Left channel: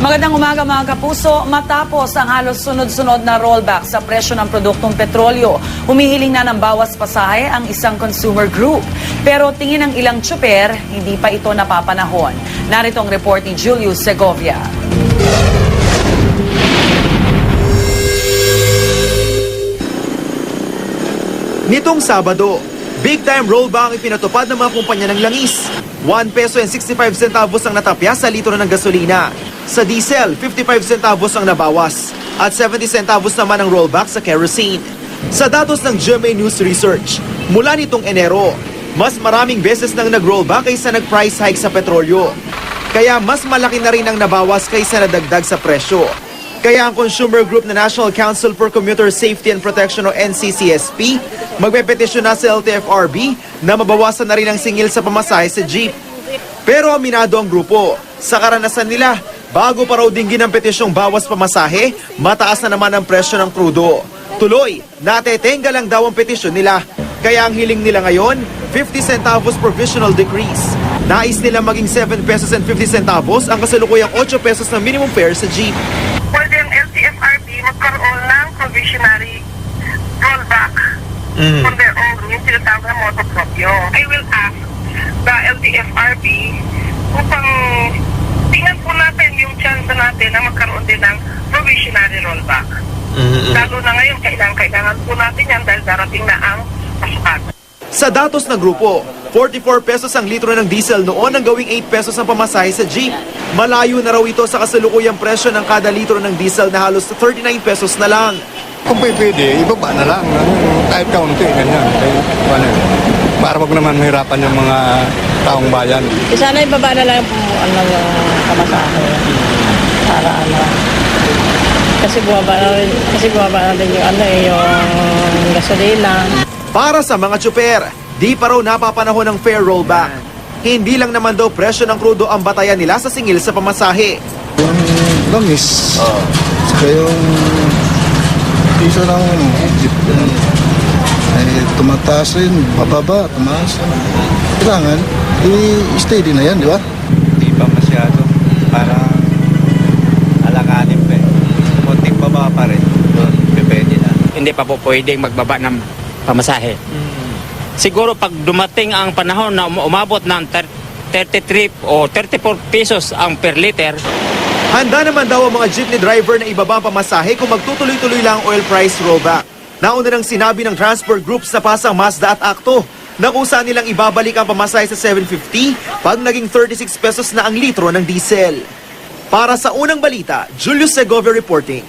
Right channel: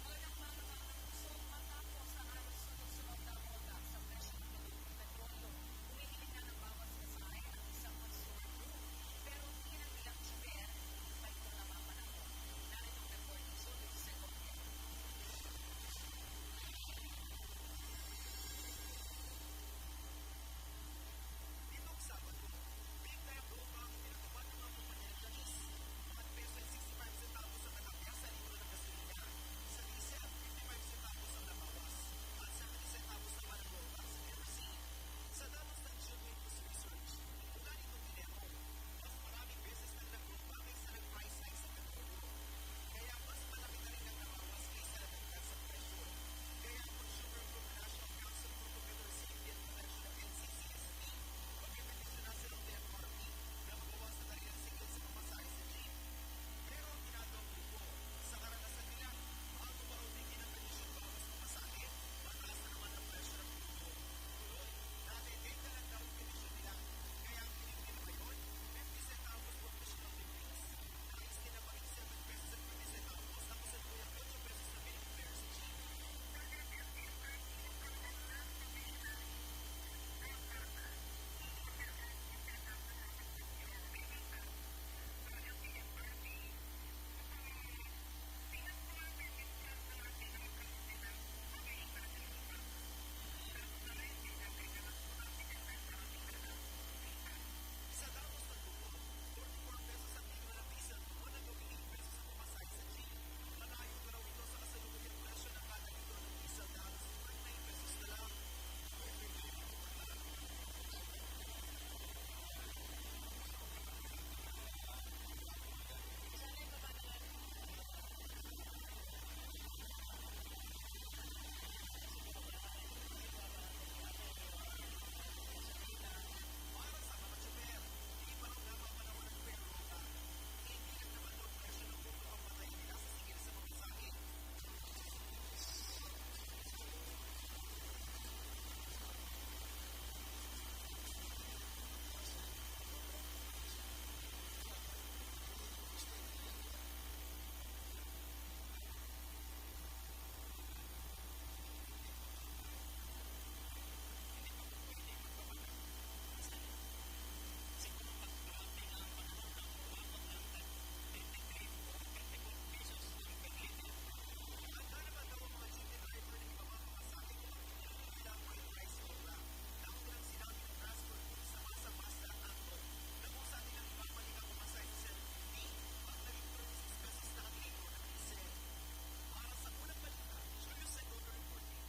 Magandang umaga mga kapuso. Matapos ang halos sunod-sunod na rollback sa presyo ng produktong petrolyo, humihiling na ng bawas pasahe ang isang consumer group. Pero tingin ng ilang tsuper, hindi pa ito napapanahon. Narito ang report ni Julius Segovia. Nitong Sabado, big-time rollback ang ipinatupad ng mga kumpanya ng langis. 1 peso and 65 centavos ang natapya sa litro ng gasolina. Sa diesel, 55 centavos ang nabawas at 70 centavos naman ang rollback sa kerosene. Sa datos ng GMA News Research, mula nitong Enero, mas maraming beses nang nag-rollback kaysa nag-price hike sa petrolyo. Kaya mas malaki na rin ang nabawas kaysa nadagdag sa presyo. Kaya ang consumer group na National Council for Commuter Safety and Protection o NCCSP magpepetisyon na sa LTFRB na mabawasan na rin ang singil sa pamasahe sa jeep. Pero aminado ang grupo, sa karanasan nila, bago pa raw dinggin ang petisyong bawas pamasahe, mataas na naman ang presyo ng krudo. Tuloy, natetenga lang daw ang petisyon nila. Kaya ang hiling nila ngayon, 50 centavos provisional decrease. Nais nila maging 7 pesos and 50 centavos ang kasalukuyang 8 pesos na minimum fare sa jeep. Pwede ang LTFRB magkaroon ng provisionary rollback on their own, yung tinatawag na motopropyo. I will ask the LTFRB upang tingnan po natin yung chance natin na magkaroon din ng provisionary rollback. Lalo na ngayon, kailangan po natin yan dahil darating na ang pasukan. Sa datos ng grupo, 44 pesos ang litro ng diesel noon ang gawing 8 pesos ang pamasahe sa jeep. Malayo na raw ito sa kasalukuyang presyo ng kada litro ng diesel na halos 39 pesos na lang. Kung pwede, ibaba na lang. Kahit kaunti, ganyan. Para wag naman mahirapan yung mga taong bayan. Sana ibaba na lang yung pamasahe. Para kasi bumaba na din yung gasolina. Para sa mga tsuper, di pa raw napapanahon ng fare rollback. Hindi lang naman daw presyo ng krudo ang batayan nila sa singil sa pamasahe. Yung langis, saka yung piso ng jeep, ay tumataas rin, bababa, tumaas. Kailangan, i-steady na yan, di ba? Hindi pa masyado. Parang alanganin pa eh. Kunting baba pa rin. Doon, pwede na. Hindi pa po pwedeng magbaba ng pamasahe. Siguro pag dumating ang panahon na umabot ng 33 o 34 pesos ang per liter. Handa naman daw ang mga jeepney driver na ibaba ang pamasahe kung magtutuloy-tuloy lang ang oil price rollback. Nauna nang sinabi ng transport groups na pasang Mazda at Acto na kung saan nilang ibabalik ang pamasahe sa 750 pag naging 36 pesos na ang litro ng diesel. Para sa unang balita, Julius Segovia reporting.